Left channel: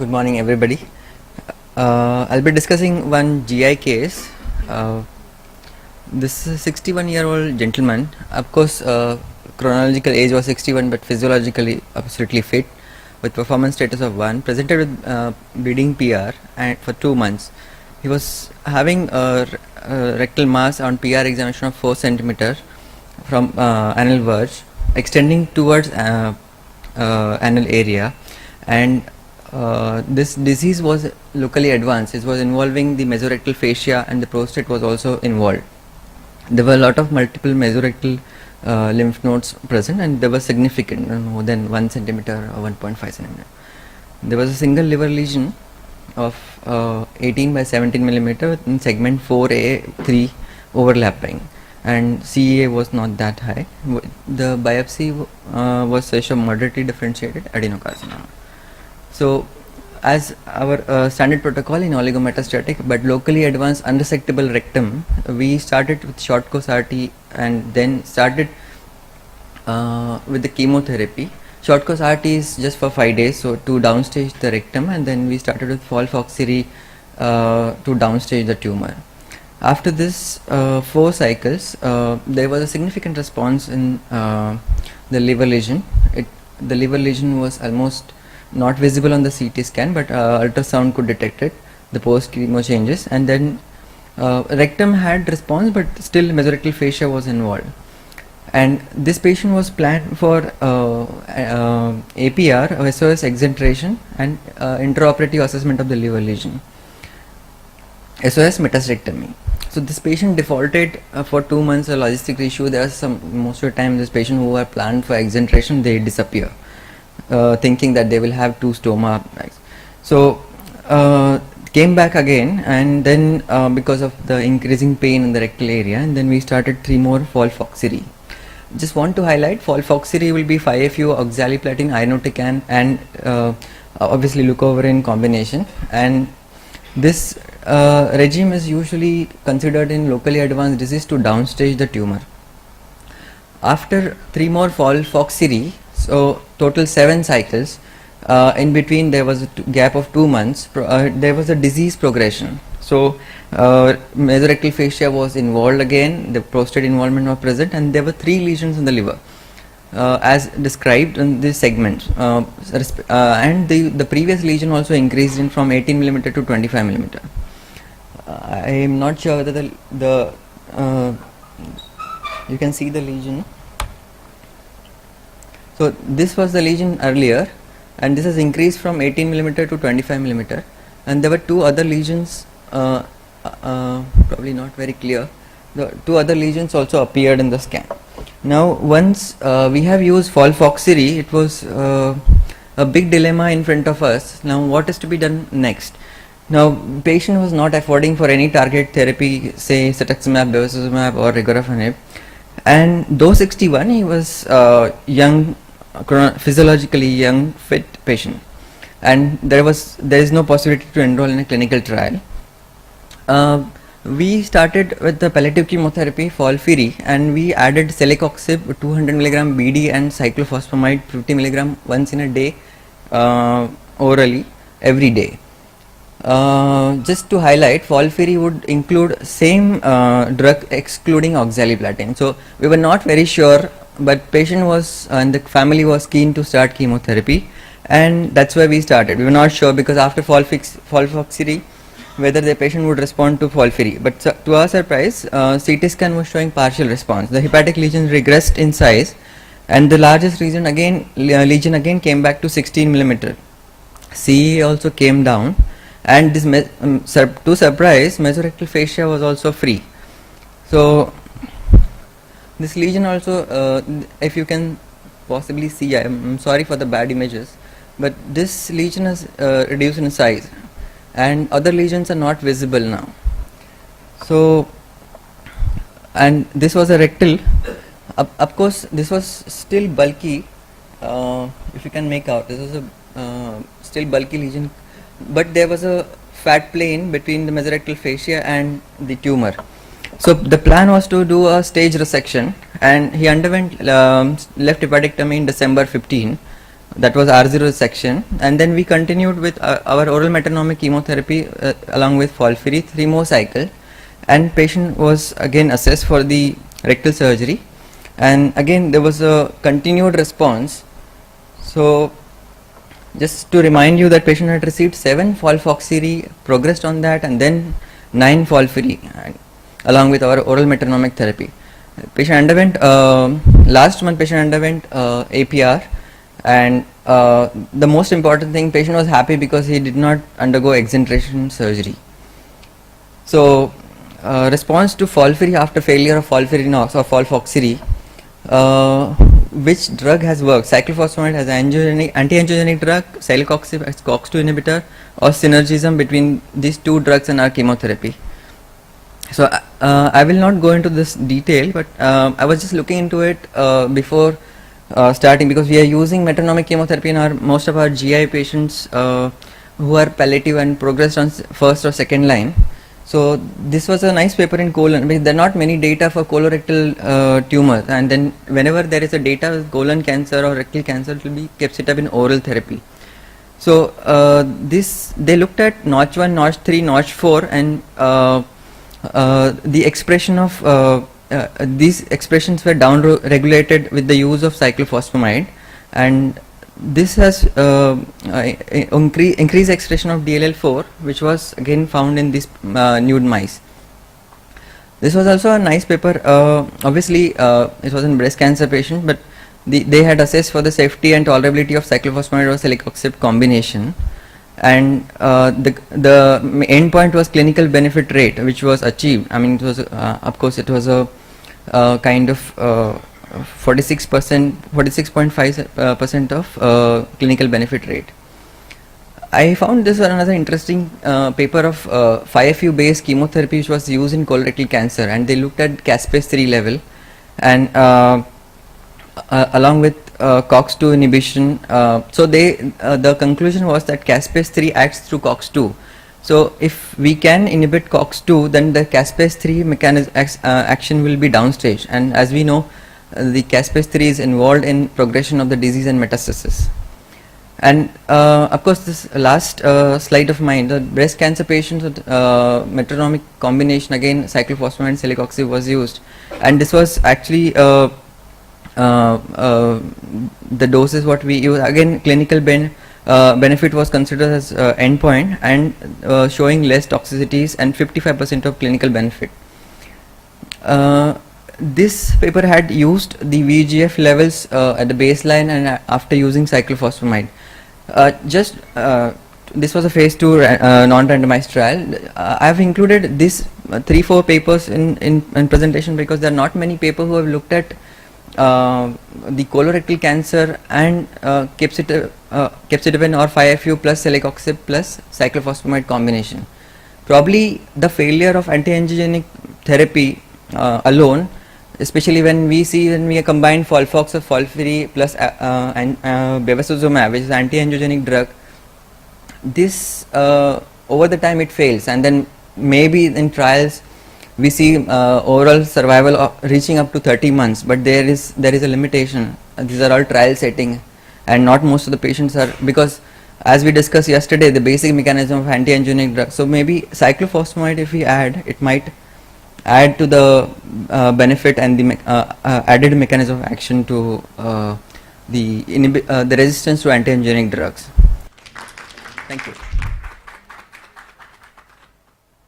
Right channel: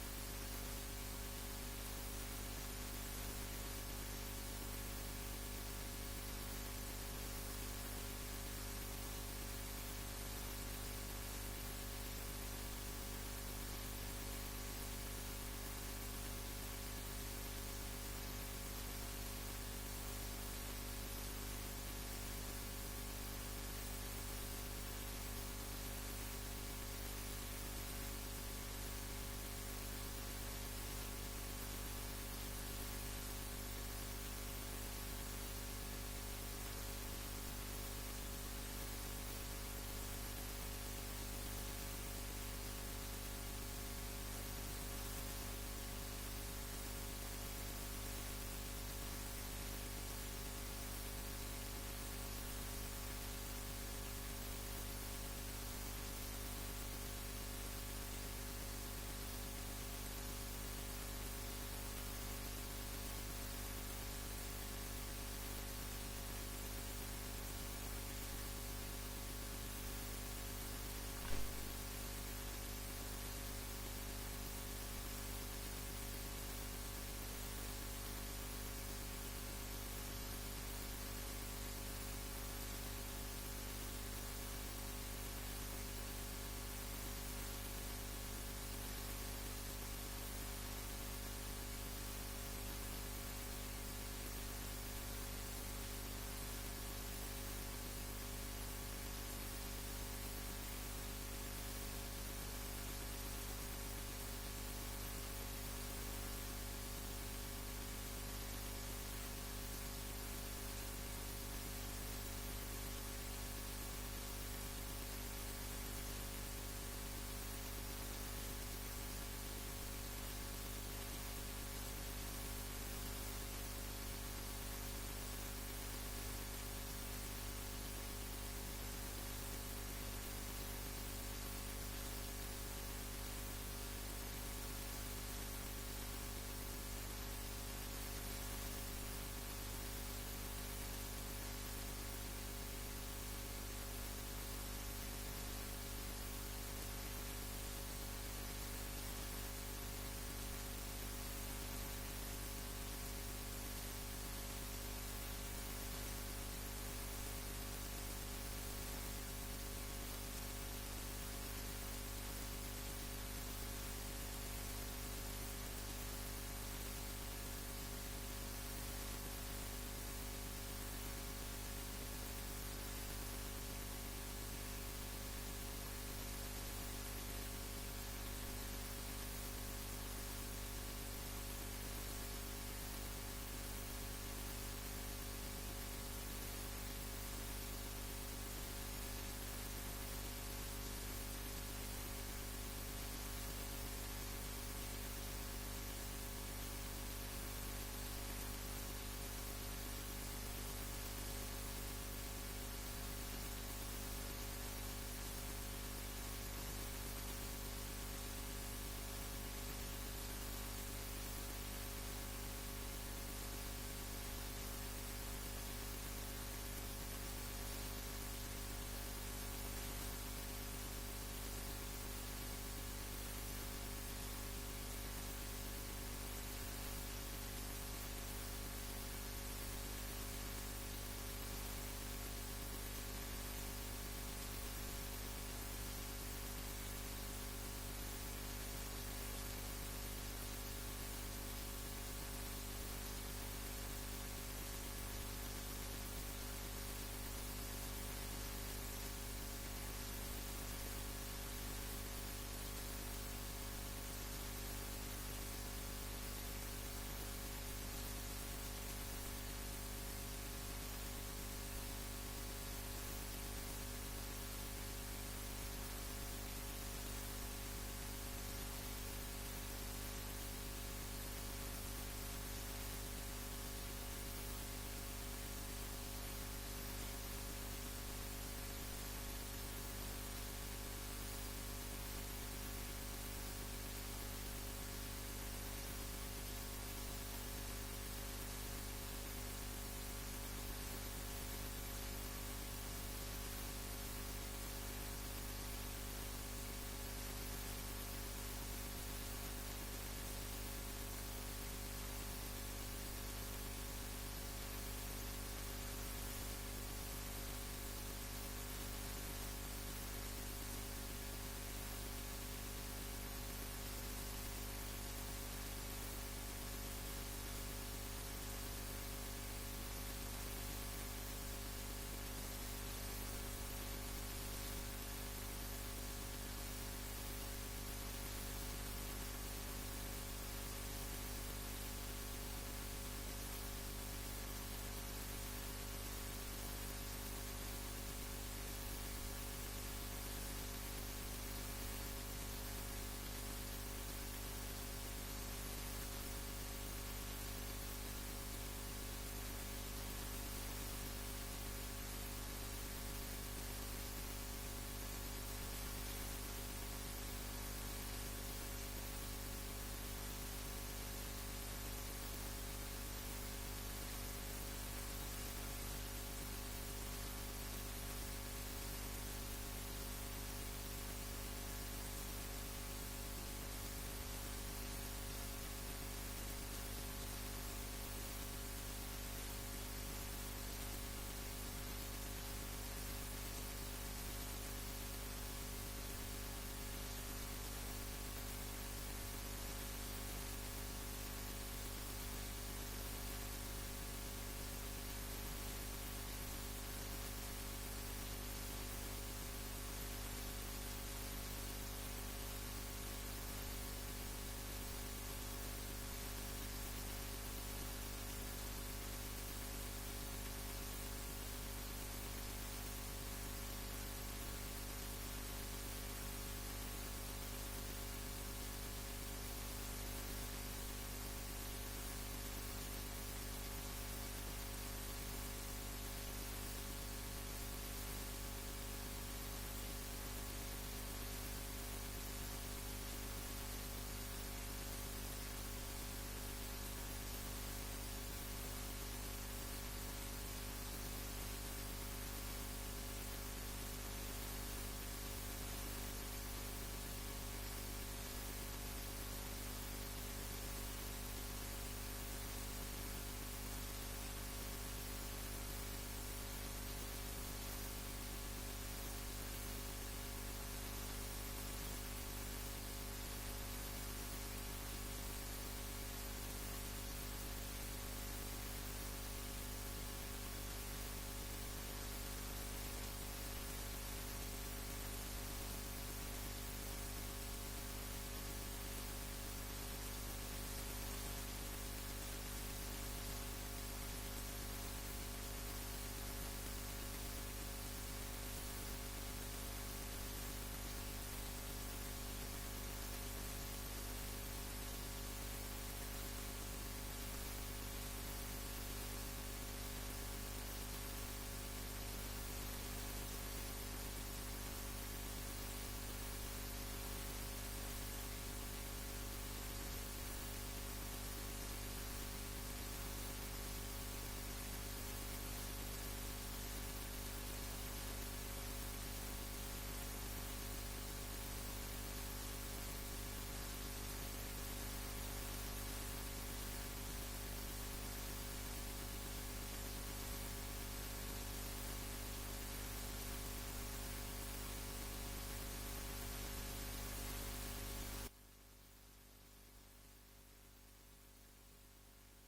Good morning, everybody. I'll be discussing one GI case. Uh, this 61-year-old gentleman, of course, chronological age was 61, but physiologically absolutely fit, with performance status of 1, presented with bleeding PR and for 2 months. He was having a rectal mass on PR examination of 4 centimeter from anal verge, extending towards anal area, and this disease was locally advanced. It was involving the mesorectal fascia, and the prostate was also involved. There were a lot of multiple mesorectal lymph nodes present, and they were significant, more than 1 centimeter or 1.5 centimeter. There was a single liver lesion of 18 by 17 millimeter in segment 4A3 overlapping, and CEA was not that high. The biopsy was such a moderately differentiated adenocarcinoma. So, as our standard protocol in oligometastatic but locally advanced unresectable rectum, we started with short course RT and then started with the chemotherapy. Short course RT is just for 5 days, so to downstage the rectum, and then we started with folfoxyri to downstage the tumor. After this 4 cycles, there was a significant response in the liver lesion. The liver lesion was almost not visible on the CT scan, but ultrasound could detect it, the post chemo changes, and then rectum had response, but still mesorectal fascia was involved. And this patient was planned for APR, SOS exenteration, and intraoperative assessment of the liver lesion, SOS metastectomy. So this patient defaulted for 2 months, a logistic issue. There are most of the time this patient who are planned for exenteration, they disappear, thinking that they will have 2 stoma. So came back again, and then because of the increasing pain in the rectal area, and then we started 3 more folfoxyri. Just want to highlight, folfoxyri will be 5-FU oxaliplatin irinotecan and obviously leucovorin combination, and this regime is usually considered in locally advanced disease to downstage the tumor. After 3 more folfoxyri, so total 7 cycles, in between there was a gap of 2 months, there was a disease progression. So mesorectal fascia was involved again, the prostate involvement was present, and there were 3 lesions in the liver as described in this segment, and the previous lesion also increased in from 18 millimeter to 25 millimeter. I am not sure whether you can see the lesion. So this was the lesion earlier, and this has increased from 18 millimeter to 25 millimeter, and there were 2 other lesions, probably not very clear. The 2 other lesions also appeared in the scan. Now once we have used folfoxyri, it was a big dilemma in front of us. Now what is to be done next? Now patient was not affording for any target therapy, say cetuximab, bevacizumab or regorafenib, and though 61, he was young, physiologically young, fit patient, and there is no possibility to enroll in a clinical trial. We started with the palliative chemotherapy FOLFIRI, and we added celecoxib 200 mg BD and cyclophosphamide 50 mg once in a day, orally every day. Just to highlight, FOLFIRI would include same drug excluding oxaliplatin. So we were not very sure, but patient was and the family was keen to start chemotherapy, and that's why we started. We were not sure because after folfoxyri whether the patient would respond to FOLFIRI, but to our surprise, CT scan was showing partial response. The hepatic lesions regressed in size, and the largest lesion again came back to 16 millimeter. CE also came down, and this to surprise, mesorectal fascia was also free. So this lesion also, if you can possibly see, I'm sorry for the bad images, but this lesion has reduced in size, and other lesions are not visible now. So, and this was a rectal, of course this was still bulky, if you can make out, this was a still bulky lesion, but there was a fat plane between the mesorectal fascia and the tumor. So the plan was to do a stage resection, and he underwent left hepatectomy in December 15, That was R0 section, and then we continued with our oral metronomic chemotherapy along with FOLFIRI 3 more cycle, and patient was again assessed for the rectal surgery, and again there was a continued response. So just to remind you that patient had received 7 FOLFOXIRI, progressed on that, and then 9 FOLFIRI along with our oral metronomic therapy. Patient underwent last month patient underwent APR, and the most important thing, patient was happy because he did not undergo exenteration surgery. So response to FOLFIRI after failure of FOLFIRINOX or FOLFOXIRI, which drug has worked? Cyclophosphamide has anti-angiogenic drug, celecoxib as COX-2 inhibitor, or synergism between these two drugs and our chemotherapy. So I will not go into this detail, but I was just looking into it before starting, because we are using metronomic chemotherapy in most of our GI patients who are palliative and progressed on first or second line. So this was a nice paper in colon, because there are not many data for colorectal tumors, and then whenever there is a data with colon cancer or rectal cancer, it will be capecitabine oral therapy. So they looked at notch 1, notch 3, notch 4, and the expression of these expressions were down regulated with the use of cyclophosphamide, and this has increased expression of DLL4, which was again found in these nude mice. This was also a nice paper. Obviously it was in breast cancer patient, but they had assessed for the safety and tolerability of cyclophosphamide or celecoxib combination, and the end point was clinical benefit rate, which was achieved. I mean, it was of course it was a kind of 46.5% of clinical benefit rate. I found this another interesting paper of 5FU based chemotherapy which was used in colorectal cancer, and they looked at caspase-3 level, and along with COX-2 inhibition. So the conclusion was that caspase-3 acts through COX-2. So if we can inhibit COX-2, then the caspase-3 mechanism action will be downstage, and as we know, the caspase-3 is involved in progression of the disease and metastasis. And of course, this last slide of mine, the breast cancer patients with metronomic combination, again cyclophosphamide and celecoxib was used, and this was actually the doses what we use. Again, clinical benefit was considered as endpoint, and showing less toxicities and 55% of clinical benefit. This paper had used the VEGF levels at the baseline and after using cyclophosphamide. This was a phase 2 non-randomized trial. I have included this 3-4 papers in presentation because there are not many people who have looked at the colorectal cancer and capecitabine or 5FU plus celecoxib plus cyclophosphamide combination. Probably the failure of anti-angiogenic therapy alone, especially when we combine Folfox or FOLFIRI plus bevacizumab, which is anti-angiogenic drug, this over the time it fails, and then maybe in trials we see overall survival reaching up to 30 months, but there is a limitation. These are all trial setting, and not most of the patients are, because as we discussed yesterday, the basic mechanism of anti-angiogenic drug. So maybe cyclophosphamide, if we add, it might add to the benefit and the added mechanism of action to the resistance to anti-angiogenic drugs. Thank you.